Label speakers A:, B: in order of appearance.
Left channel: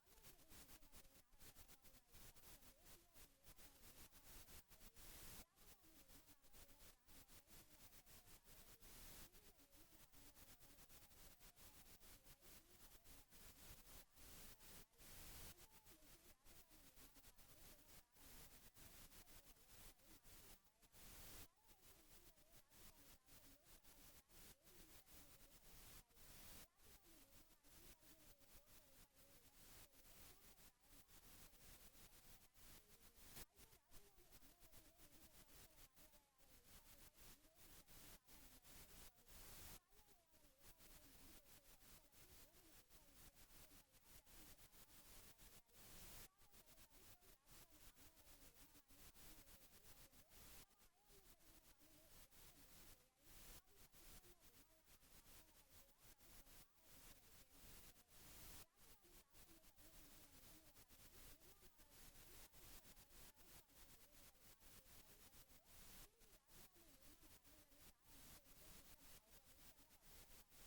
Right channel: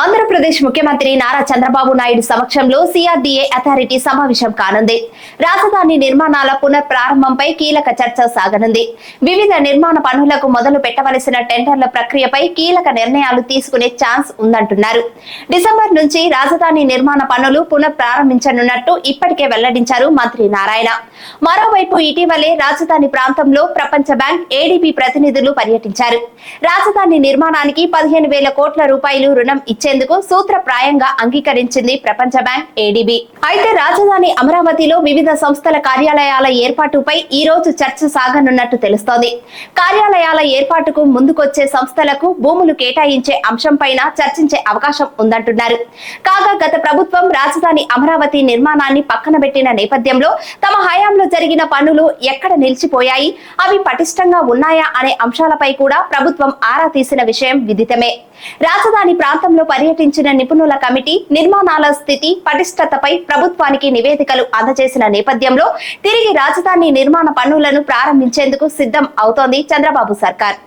A: ఆంధ్రప్రదేశ్ ముఖ్యమంత్రి నారా చంద్రబాబు నాయుడు సమక్షంలో CRDA authority సమావేశం కానుంది. రాజధాని నిర్మాణాల పునర్ ప్రారంభంపై కీలక చర్చ సాగనుంది. వివిధ నిర్మాణ పనులకు మొదలు పెట్టవలసిన టెండర్ల ప్రక్రియపై కీలక నిర్ణయాలు తీసుకునే ఛాన్స్ ఉందంటున్నారు. డిసెంబర్ నుంచి రాజధాని నిర్మాణ పనులు పునః ప్రారంభించనున్నట్టు ఇప్పటికే వెల్లడించారు మంత్రి నారాయణ. మరోవైపు ఇటీవలే రాజధాని ప్రాంతంలో ప్రపంచ బ్యాంక్ ఏడీబీ ప్రతినిధులు పర్యటించారు. రాజధాని నిర్మాణానికి పదిహేను వేల కోట్ల రూపాయలు రుణం ఇచ్చేందుకు సూత్రప్రాయంగా అంగీకరించింది ప్రపంచ బ్యాంక్ ఏడీబీ అయితే రాజధాని అమరావతిలో వివిధ సంస్థల కార్యాలయాల ఏర్పాటుపై ఈ రోజు చర్చ సాగనున్నట్టు తెలుస్తోంది. కార్యాలయాల ఏర్పాటుకు ముందుకొచ్చే సంస్థలకు భూములు కేటాయించే అంశంపైన చర్చించే అవకాశం ఉందంటున్నారు. కాగా గత ప్రభుత్వం రాజధాని అమరావతి నిర్మాణాన్ని పక్కన పెట్టిన నేపథ్యంలో తమ హయాంలో జరిగిన పనులు ఎక్కడ నిలిచిపోయాయి? అవి పటిష్టంగా ఉన్నాయా అనే అంశాలపై కూడా ప్రభుత్వం ఆరా తీసిన విషయం విదితమే. రాజధాని ప్రాంతంలో పర్యటించిన నిపుణుల కమిటీ నిర్మాణాల స్థితి పటిష్టతపై ప్రభుత్వానికి నివేదికలు అందజేసిన నేపథ్యంలో తిరిగి రాజధాని నిర్మాణ పనులను ప్రారంభించేందుకు సిద్ధం అవుతోంది చంద్రబాబు సర్కార్.